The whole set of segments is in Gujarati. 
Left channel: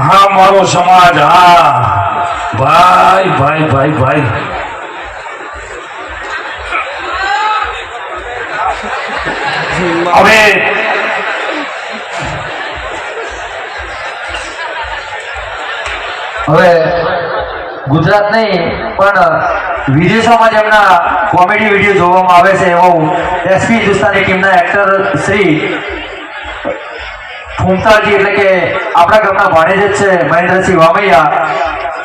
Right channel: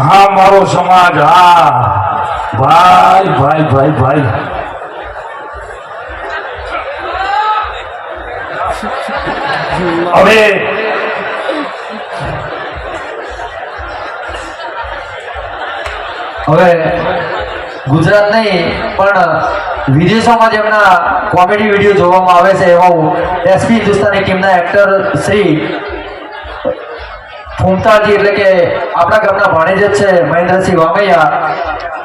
હા મારો સમાજ, હા ભાઈ ભાઈ ભાઈ ભાઈ. અરે હવે ગુજરાત નહીં પણ વિદેશોમાં જેમના કોમેડી વિડીયો જોવામાં આવે છે એવા એસપી હિન્દુસ્તાની ટીમના એક્ટર શ્રી ફૂમતાજી એટલે કે આપણા ગામના ભાણેજ જ છે મહેન્દ્રસિંહ વામૈયા,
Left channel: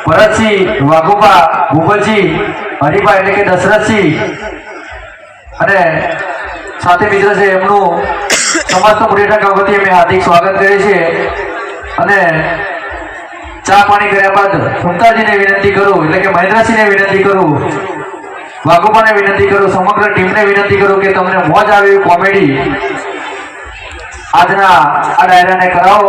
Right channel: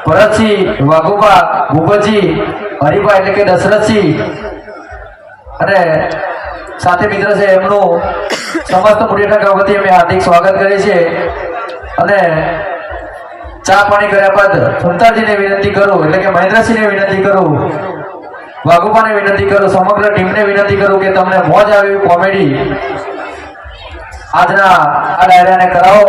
ભરતસિંહ વાઘુબા, ભૂપતજી હરિભા એટલે કે દશરથસિંહ અને સાથે મિત્ર છે એમનું સમસ્ત મુડિયાના વતી અમે હાર્દિક સ્વાગત કરીએ છીએ. અને ચા પાણી કર્યા બાદ ફૂમતાજીને વિનંતી કરું એટલે કે મહેન્દ્રસિંહને વિનંતી કરું, વાઘુબાને વિનંતી કરું, સમગ્ર ટીમને વિનંતી કરું કે તમને મોજ આવે એવી કોમેડી આજના આ ડાયરાને કરાવો.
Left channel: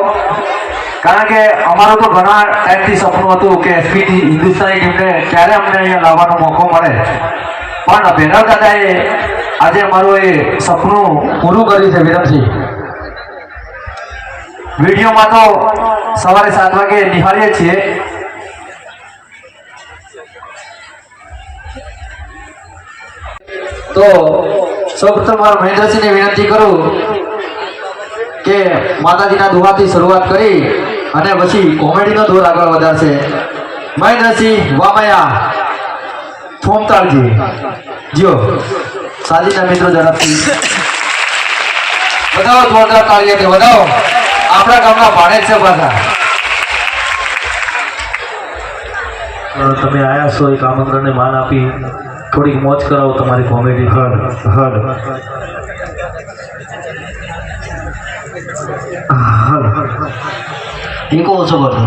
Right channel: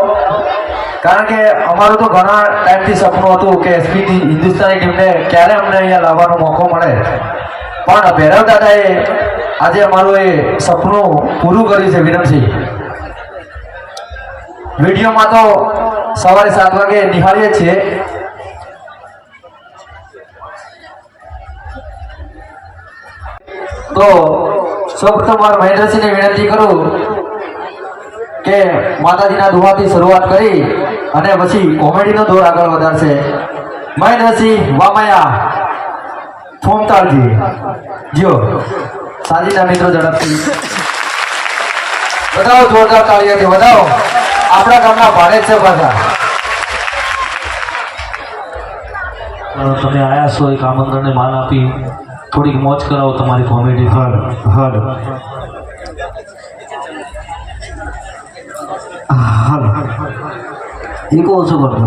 કારણ કે અમારું તો ઘણા ટાઈમથી સપનું હતું કે એસપી હિન્દુસ્તાની ટીમને ક્યારે અમને અહીંયા લાવવાનો મોકો મળે, પણ ભૈરવ દાદાએ આજે અમારું એ સપનું પૂરું કર્યું છે. વિરમસિંહ વિડીયોમાં તો સવારે 7 વાગે નિહાળીએ છીએ. તો સૌપ્રથમ મહેન્દ્રસિંહને વિનંતી કરું કે માતાજીના દુહાથી શરૂઆત કરી અને પછી કોમેડીનો દોર આગળ વધારશે. મહેન્દ્રસિંહ વામૈયા, ફૂમતાજી જીઓ સાજીના મિત્રો ઝડપથી બતાવો, જોરદાર તાળીઓથી બતાવો. આપણા ગામના ભાણેજ છે પાછા. તમે આયા છો એક આમંત્રણને માન આપી થોડીક મોજ કરાવો તમારી કોમેડી. હદ ઈકો ઓછો કરતો,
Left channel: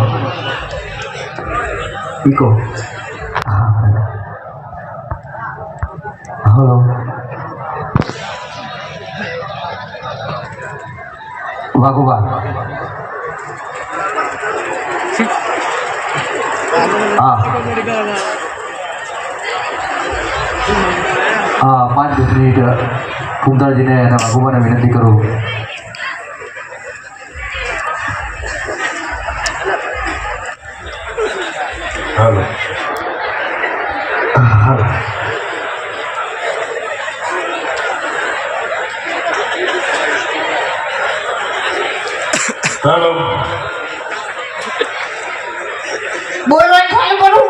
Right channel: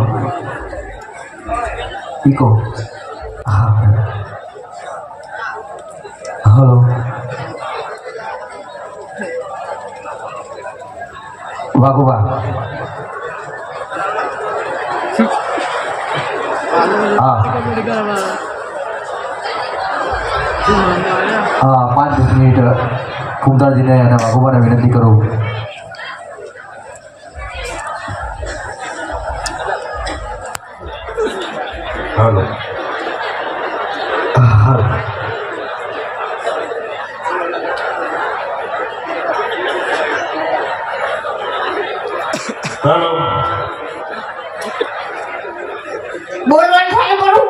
ઈકો. હલો વાઘુબા, હા હા 5 મિનિટ ફૂમતાજીને અને વાઘુબાને વિનંતી કરું. હાલો હાલો બોલવાનું ચાલુ કરું.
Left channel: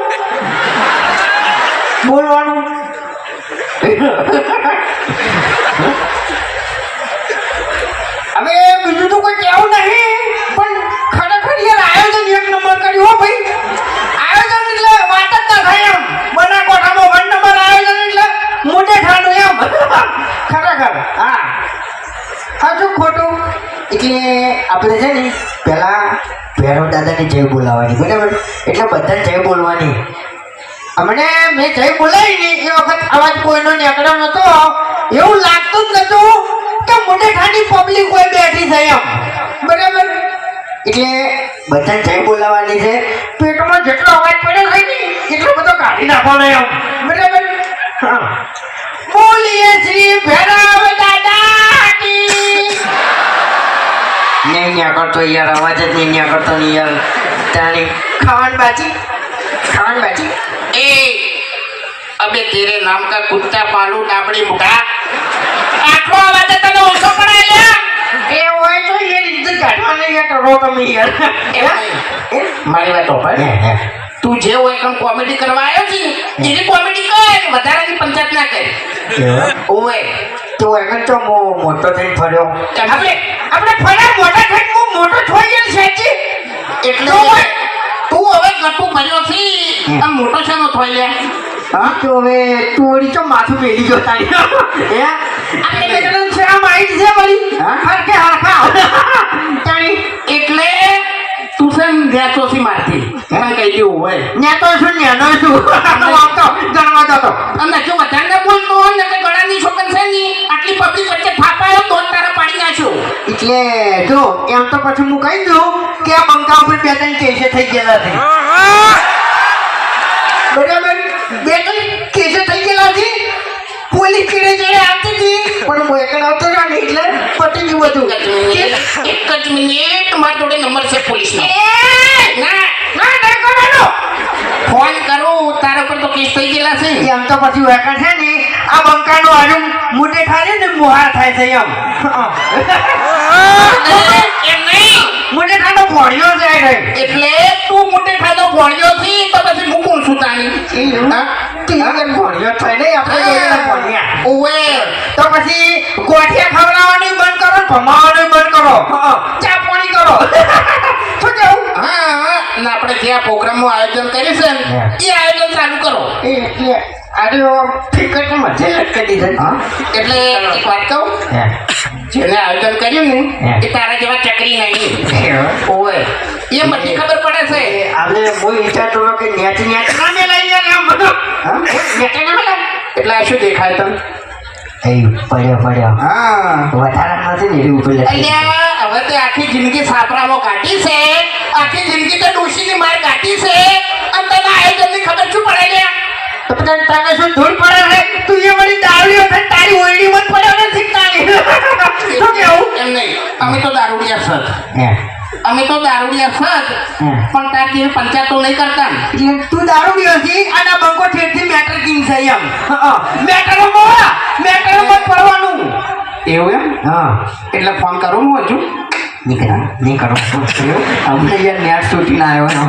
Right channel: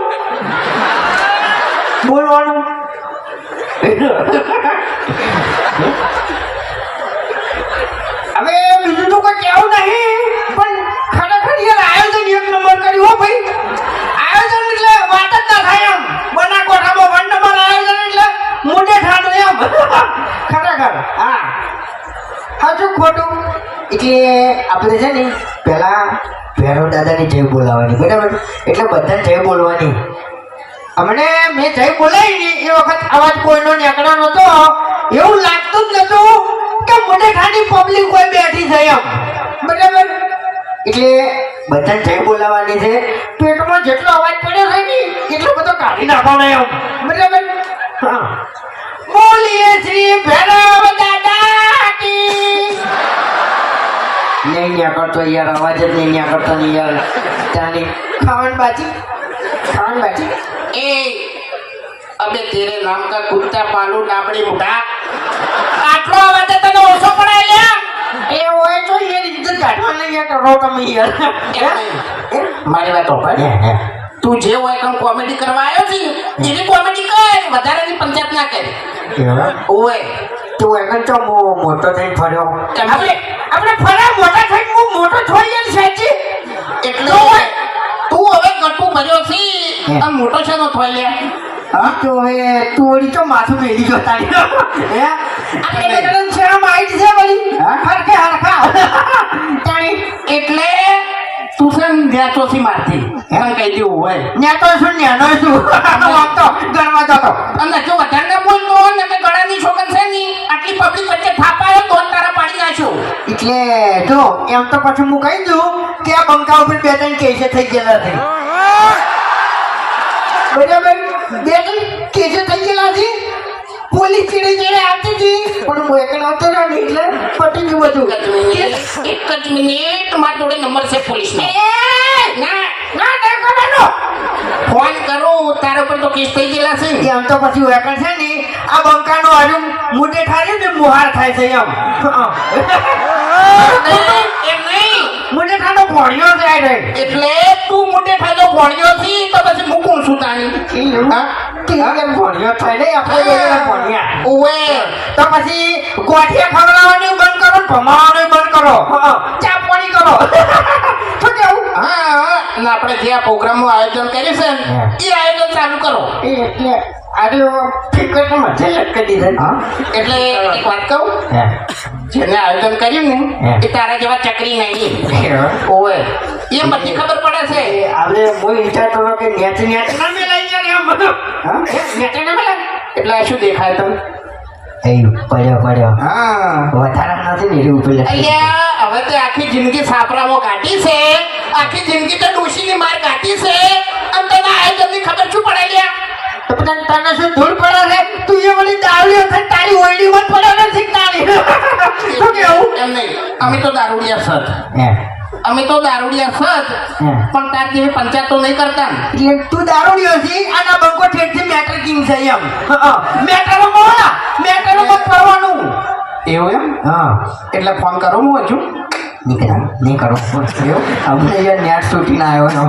બોલવાનું હવે બીજું તો કોઈ કહેવું નહીં, પણ ખરેખર યાર આયોજન એક નંબર કર્યું હો ભાઈ. આયોજન એટલે વાત જ ના થાય એમ. બના કોઠામાં 1 નંબર આયોજન એટલે મોટે ઠાઠું એમ. ખરેખર હા સાચું ખોટું એટલે આપણે છે ને પહેલા ભૈરવ દાદાની જય બોલાવવાની, બરાબર? એટલે બધાને જય બોલવાની. અમને મેં જય બોલાવી ને એ વખત અવાજ કોઈનો નીકળ્યો નતો, એવું લાગતું જ નતું કે મોટે ઠાઠી પબ્લિક કોઈ બેઠી છે એમ, બરાબર? એટલે બધાને જય બોલાવવાની છે. પેટમાં જેટલો અવાજ પડ્યો છે ને એટલો બધો કાઢી નાખવાનો એમ, બરાબર? હા, બોલીએ શ્રી ભૈરવ દાદા કી. નહીં ન્યા કરતો યાર, અવાજ જ નહીં ન્યા કરતો નહીં યાર. તાણી ખાવાનું બાજી ए अबे तेरे नाम का कुत्ता पालू डाबड़ी मुठा आटलो आवाज तने ओछो करे લે એ હોય તો એ રીતે કાઢવાનો યાર કરો તમે યાર. મારી વાત ઓપન તું જે હોય કમ કોમેડી કરવા આવ્યો છે એની કોમેડી કર, વધારાની પંચાયત ના કર. ઓય તું એમ તો મોટો થઈને ફર્યો. આપણે ફરા મોટા થઈને હું મોટો થઈ ગયો સાચી એટલે તું હવે ગટુ ભર્યો છે આમ મોટો છે નો થઈ લે. હા તો હવે તું ઓડી તો માથું મેલી ગયો તારી. હે આપણે બેટન છે માઈટ છે બળી હરકે હરખા તારી. એટલે તું છે નેતો થી મારતી એમાં કઈ દેવું હોય નેતો છું નેનો છું આવતો ગણવા જતો. અને જો વધારે બોલતો ને કે ગળાની છોકન છે ની આટલી પબ્લિક વચ્ચે થાપાયો તો તારા પાડી નાખ્યો. એટલે જો એમ તો પછી હું કહી દઉં કે આ બંકા ઉપર 2-3 કેસે થઈ ગયેલા છે, બરાબર? 2-3 કેસે થઈ ગયેલા છે. પોલીસ ચીડે આવતી હતી પણ હું એકડ આવતો ને એટલે પટી ગયું બધું. એક જ મિનિટ મારા જોડે નંબર છે પોલીસનો. એ તો પછી વેકન છે ને આ બંકાનો આજુ મોટે થાય ને મોહાર થાય છે એમ એમ નહીં મોટે થાનો ભોળિયો જાય રે એટલે તું મોટે થાજો ભણ્યો છી તો પછી હું કોણ છું તાની હા? ભોળિયો થાય ને આપણે જોડે ભોળિયા ઓવે તો પછી ગોઠિયા ખવડાવવાનું બંધ કરો ને ભમાવાનું બંધ કરો ચા પાણી કરો શું કેવું હા અને આપણે જે આ પ્રોગ્રામનું આયોજન કર્યું છે ને એ આયોજન ચાલુ કરો એટલે આજે ટિકિટ મધ્ય લટકી દીધા એટલે એક વાત કહું જેને આયોજન કર્યું ને એ તારા જેવા ચકરી નહીં ઓવે એ બધી ખબર પડે છે આપણે હું વિચારતો હતો કે નેટ નેટ ના મેલાઈ ગયા આમ બધું નેટ ના મેલાય એટલે આ શું દેખાય તને પડ્યો હા વધારે નથી ને ઉપર અલ્યા હવે તે આખી જિંદગી સાપરામાં કાઢી છે આખી જિંદગી તો ડોશીની માર કાઢી છે અને તને આયોજનની ખબર શું પડે લ્યા તો તને તને શું ધૂળ પડે છે તું એ વળી દારૂ છે તારી ઓયડી મત પડ્યો નથી તારી શું કેવું એમ નહીં અમે તો દારૂડિયા સત અમે તો દારૂડિયા સત પણ તાર જેવી પંચાયતો નહીં કરતા ને. એટલે તું દારૂ પીયો છે અને આ બંકો ઠેઠથી મેટર કિંગ છે એમ મેટરોમાં પડવાનું એવું એમ હા એટલે ફોન કરું હું હજુ નહીં કરો અમને યાર નેટ છૂટીને આવ્યો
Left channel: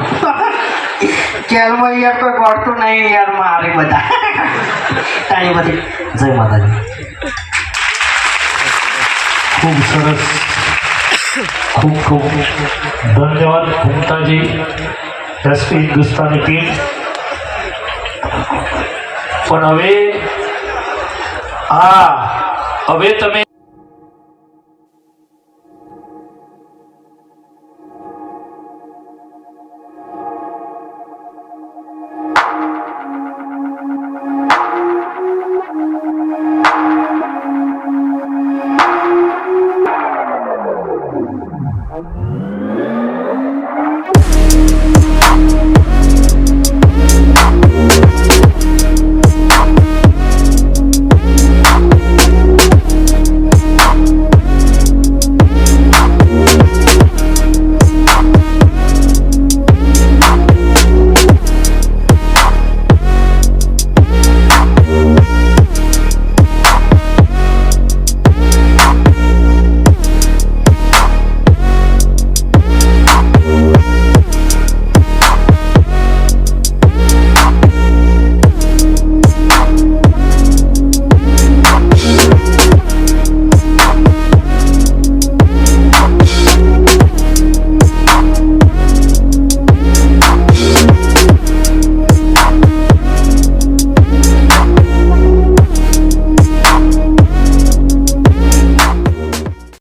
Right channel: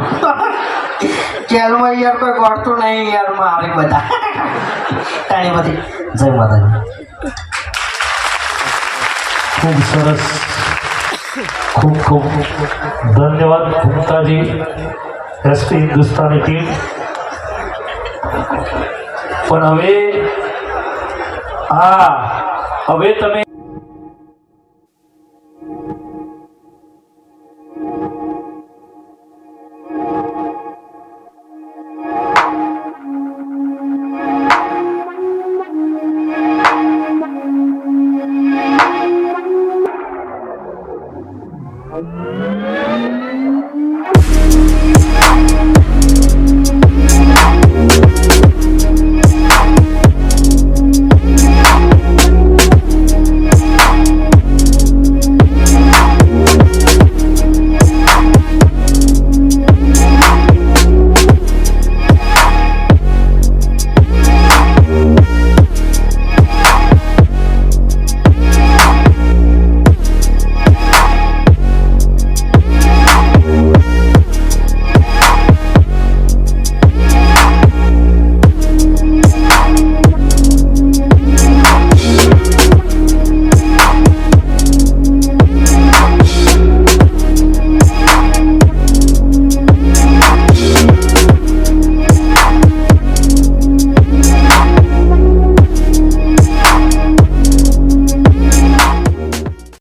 જેલમાં યાર કોઈ ગોળતું નહીં યાર મારે બધા તાણી બધી જય માતાજી ખૂબ સરસ ખૂબ ખૂબ ધન્યવાદ ઘૂમતાજી એસપી હિન્દુસ્તાની ટીમ પણ હવે તમે